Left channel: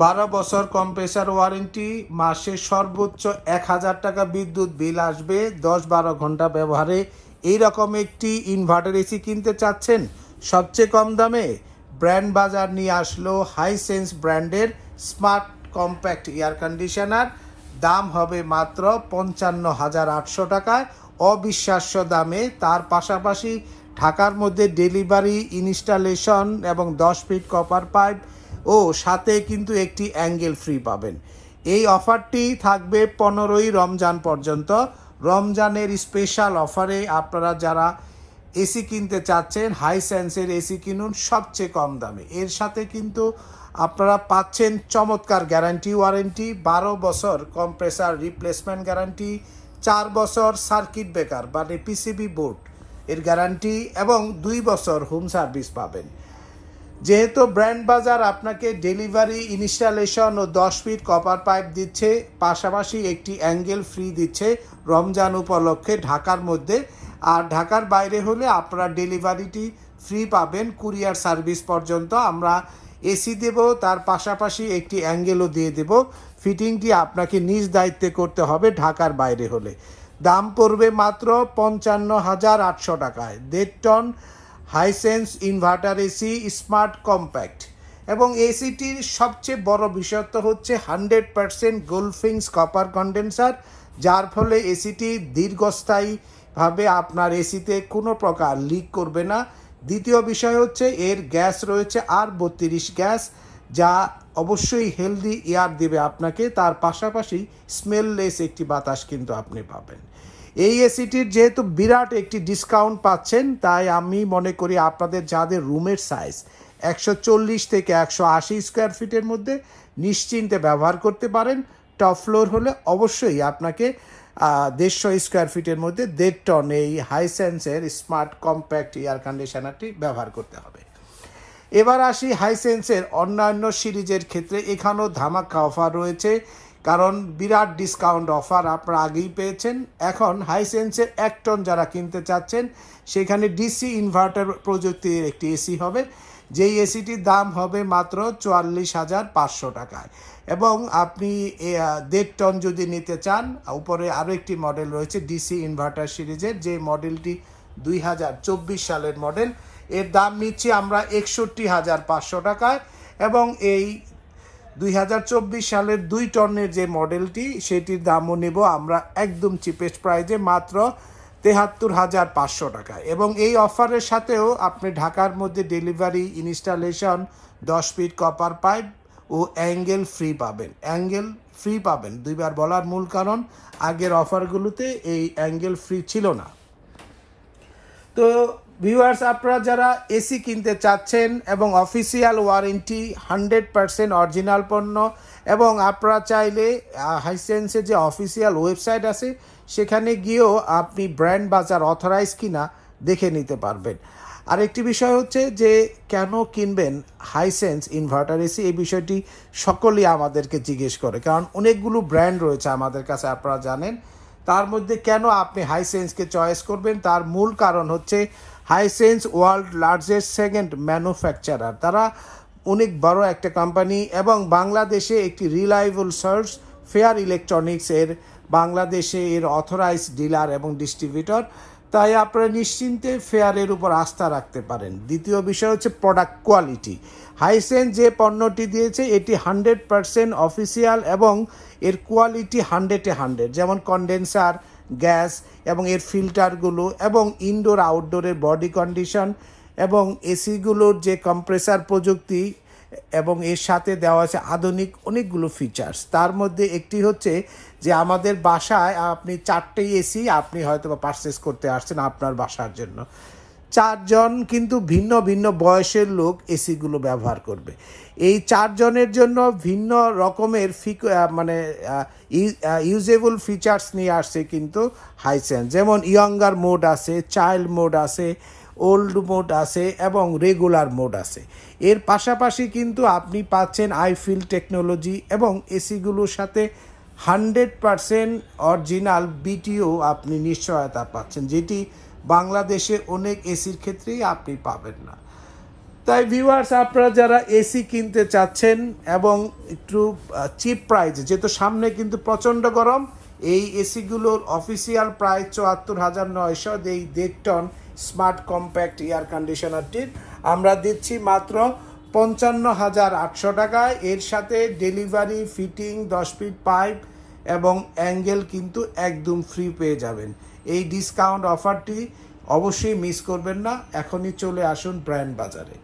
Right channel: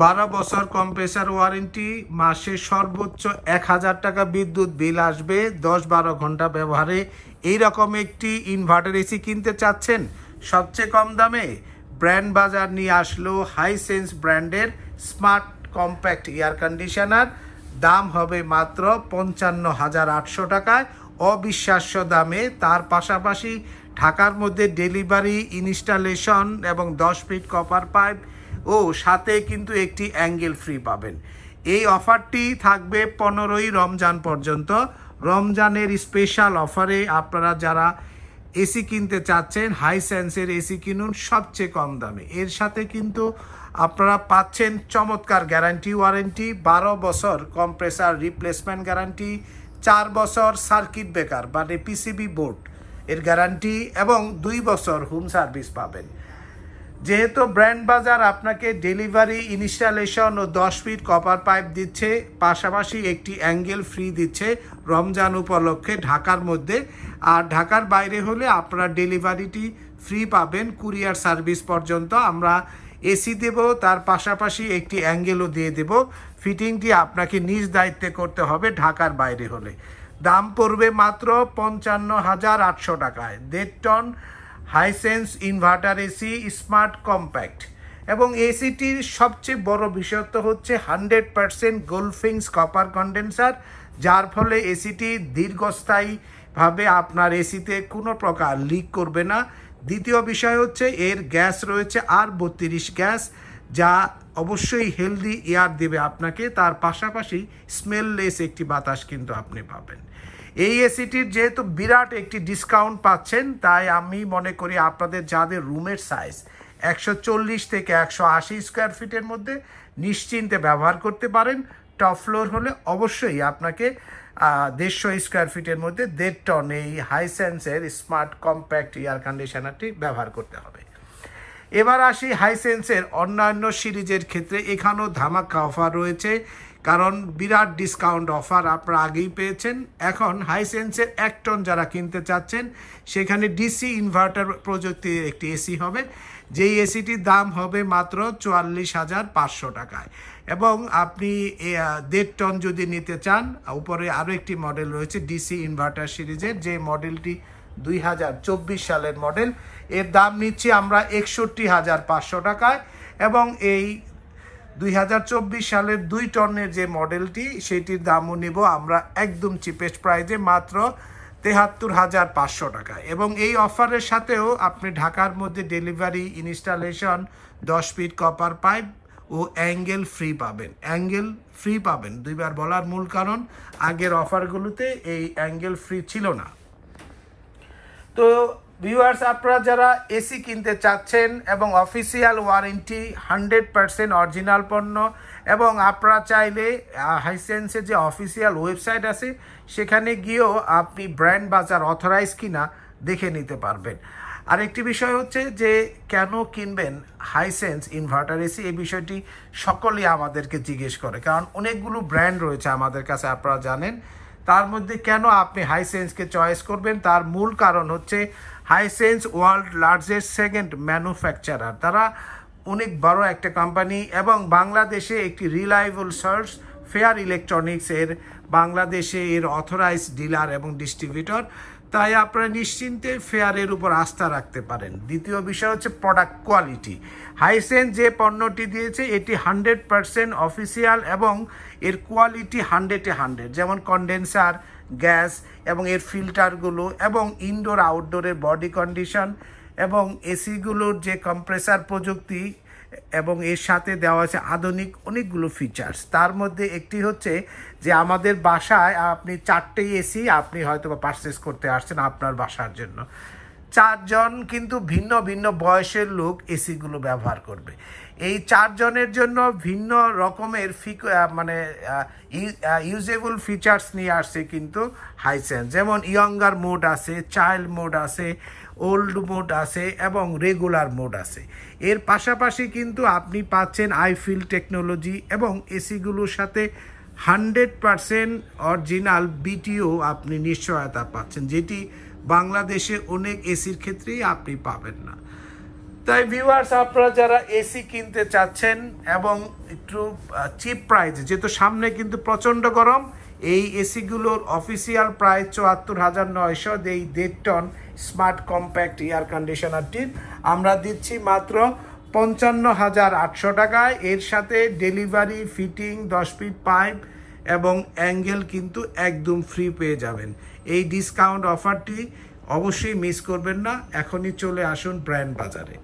12 বছর compressor warranty, মাসে সর্বোচ্চ 1000 টাকা বিদ্যুৎ বিল আসবে 10-12 ঘন্টা ব্যবহারে। এইরকম একটি ইনভার্টার এসি কিনতে চাচ্ছেন সবচেয়ে কম দামে? ব্র্যান্ড বাজার নিয়ে আসলো হাইসেন্স ব্র্যান্ডের স্মার্ট কম্প্যাক্ট এয়ার কন্ডিশনার। দাম হবে মাত্র 55,800 টাকায়, অবিশ্বাস্য দামে। তার পাশাপাশি ঢাকার মধ্যে ডেলিভারি, ইনস্টলেশন এবং 10 ফিট কপার পাইপ ও সাথে কিন্তু একটি অ্যাঙ্গেল ফ্রি পাবেন। এই অফারটি থাকবে 15ই রমজান পর্যন্ত। রমজানের স্পেশাল অফারে আপনারা যারা এসি কিনতে চাচ্ছেন হাইসেন্সের এসি কিনুন সবচেয়ে কম দামে। এর সাথে কিন্তু আপনারা পাচ্ছেন চমৎকার গ্যারান্টি ওয়ারেন্টি, 12 বছর কম্প্রেসার রিপ্লেসমেন্ট গ্যারান্টি, 4 বছর সার্কিট ব্রেকার মানে পিসিবি বোর্ড এর গ্যারান্টি এবং 2 বছর হোম সার্ভিস পাবেন। যেহেতু ব্র্যান্ড বাজার আপনাকে ডেলিভারি, ইনস্টলেশন ও 10 ফিট কপার পাইপ দিচ্ছে, পাশাপাশি একটি অ্যাঙ্গেল ফ্রি দিচ্ছে রমজান উপলক্ষে ঢাকার মধ্যে। আর ঢাকার বাইরে হলে আপনারা ডেলিভারিটি ফ্রি পাবেন কুরিয়ার সার্ভিস পর্যন্ত। আমরা এসি দেব, তার পাশাপাশি একটি অ্যাঙ্গেলও দিয়ে দেব। ফিটিংটি আপনাকে নিজ দায়িত্বে করতে হবে ঢাকার বাইরে হলে। দাম পড়বে মাত্র 55,800 টাকায়। 1.5 ton Hisense inverter AC smart compact. এবং এসিটির সবচেয়ে বড় বিষয়ত্ব হচ্ছে 100% গোল্ডফিংস কপার কন্ডেন্সার, যার ফলে এসিটি দীর্ঘস্থায়ীভাবে আপনার এসিতে কোনো প্রকার লিক করবে না। দ্বিতীয় বিষয় হচ্ছে এর গ্যাস রয়েছে R32 গ্যাস, যা অবশ্যই হেলদি এয়ার দেবে আপনাকে। তার পাশাপাশি স্মেললেস একটি বাতাস কিন্তু আপনি পাবেন। এই এসিটির যেহেতু বিরাট একটি ডিসকাউন্ট পাচ্ছেন, তাই আমি মনে করি আপনাদের যাদের রুমের সাইজ 140 থেকে 180 স্কোয়ার ফিটের মধ্যে নিশ্চিন্তে ব্যবহার করতে পারেন। টপ ফ্লোর হলে অবশ্যই আপনাকে 150 স্কোয়ার ফিটের মধ্যে 1.5 টন এই হাইসেন্সের স্মার্ট কম্প্যাক্ট এয়ার কন্ডিশনারটি ব্যবহার করতে হবে। এবার আসি হাইসেন্সের অন্যান্য সিরিজের ক্ষেত্রে। এখানেও ধামাকা অফার রয়েছে, কারণ বিরাট ডিসকাউন্ট অফার আপনারা আগেই পেয়েছেন। এখন হাইসেন্সের 1 টন যারা কিনতে চাচ্ছেন, সেখানে ডিসি ইনভার্টার প্রযুক্তির একটি এসি হবে, যেই এসিটির দাম হবে মাত্র 44,500 টাকায়। এবং আপনি 1.5 টন যদি নিতে চান, উপরে আরও একটি মডেল রয়েছে ডিসি ইনভার্টার সিরিজের, যে মডেলটি 2024 সালের মডেল। এর দাম নিচ্ছি আমরা 61,500 টাকায়। এবং এই 2024 সালের 2 টনের যে মডেলটি, সেটির দামও নেব আমরা একদম চিপেস্ট প্রাইজে মাত্র 73,500 টাকা। এবং এই অফারের সাথেও আপনি ঢাকার মধ্যে delivery, installation, 10 feet copper pipe ও অ্যাঙ্গেল ফ্রি পাবেন। অ্যাঙ্গেল ফ্রি পাবেন, দুইবার বলার মূল কারণ আগের অফারগুলোতে এই অ্যাঙ্গেল ফ্রি ছিল না। তো ভিউয়ার্স, আপনারা যারা এসি কিনতে চাচ্ছেন এবং অফিসিয়াল ওয়ারেন্টি, 100% অরিজিনাল পণ্য, এবং আপনারা চাইলে হাইসেন্সের যে অফিসিয়াল ওয়েবসাইট আছে সেখানে গিয়েও আপনি ব্র্যান্ড বাজার অথরাইজ কিনা দেখে নিতে পারবেন। আরেকটি বিষয় হচ্ছে যে কেন কিনবেন হাইসেন্স ইনভার্টার এসি, এই বিষয়টি সকলেই আমাদেরকে জিজ্ঞেস করে, কারণ অনেকগুলো ব্র্যান্ড রয়েছে আমাদের কাছে আপনারা জানেন। তার মধ্যে কেন আপনি হাইসেন্সকে চয়েস করবেন, তার মূল কারণ হচ্ছে Hisense world largest second manufacturer. তারা অনেক বড় একটা কোম্পানি এবং বাংলাদেশে একটি রিলায়েবল সোর্স। ফেয়ার ইলেকট্রনিক্স এর বাংলাদেশে এর অথরাইজ ডিলার এবং ডিস্ট্রিবিউটর, তাই আপনারা নিশ্চিন্তে ফেয়ারের উপর আস্থা রাখতে পারেন। দ্বিতীয় বিষয় হচ্ছে প্রোডাক্ট কোয়ালিটি। হাইসেন্স যে পণ্যটি দিয়েছে এটি 100% অফিসিয়াল এবং এর কোয়ালিটি 100-এ 100, যেমন কন্ডেন্সার, গ্যাস এবং এর ফিল্টারগুলো এবং ইনডোর আউটডোরের বডি কন্ডিশন এবং এসিগুলোর যে কম্প্রেসার প্রযুক্তি, এবং এর সাথে দেওয়া আছে আধুনিক অনেকগুলো ফিচার্স। তার মধ্যে একটি হচ্ছে যে আমাদের বাসায় আপনি 4টে এসি আপনি হয়তো বা পারচেস করতে আসছেন আপনার বাসার জন্য, 4 জন কিন্তু ভিন্ন ভিন্ন বয়সের লোক এসিগুলো ব্যবহার করবে। এই 4 জনের জন্য ভিন্ন রকমের ইউজেবল ফিচার্স নিয়ে আসছে কিন্তু হাইসেন্স। যেমন ইয়ঙ্গার মোড আছে, চাইল্ড মোড আছে, ওল্ড মোড আছে এবং রেগুলার মোড আছে। এর পাশাপাশি কিন্তু আপনি পাচ্ছেন আইফিল টেকনোলজি এবং এসিগুলোর সাথে 100% অরিজিনাল বিটিও আপনি নিশ্চয়তা পাচ্ছেন, যেটি বাংলাদেশে অনেক এসির ক্ষেত্রেই আপনি পাবেন না। তাই ভিউয়ার্স, আপনারা যারা এসি কিনতে চাচ্ছেন এবং একটু চিপ প্রাইস, যেহেতু সামনে কিন্তু প্রচণ্ড গরম, এই এসিগুলোর অফিসিয়াল প্রাইস ৭৪,৯০০। এই ১.৫ টন স্মার্ট কম্প্যাক্ট এয়ার কন্ডিশনারটির আমরা দিচ্ছি মাত্র ৫৫,৮০০ টাকায়। এর সাথে ডেলিভারি, ফিটিং, 10 ফিট পাইপ এবং অ্যাঙ্গেল কিন্তু একদম ফ্রি পেয়ে যাবেন। এই ডিসকাউন্ট অফারটি অবশ্যই মিস করবেন না। এখনই চলে আসুন ব্র্যান্ড বাজারে।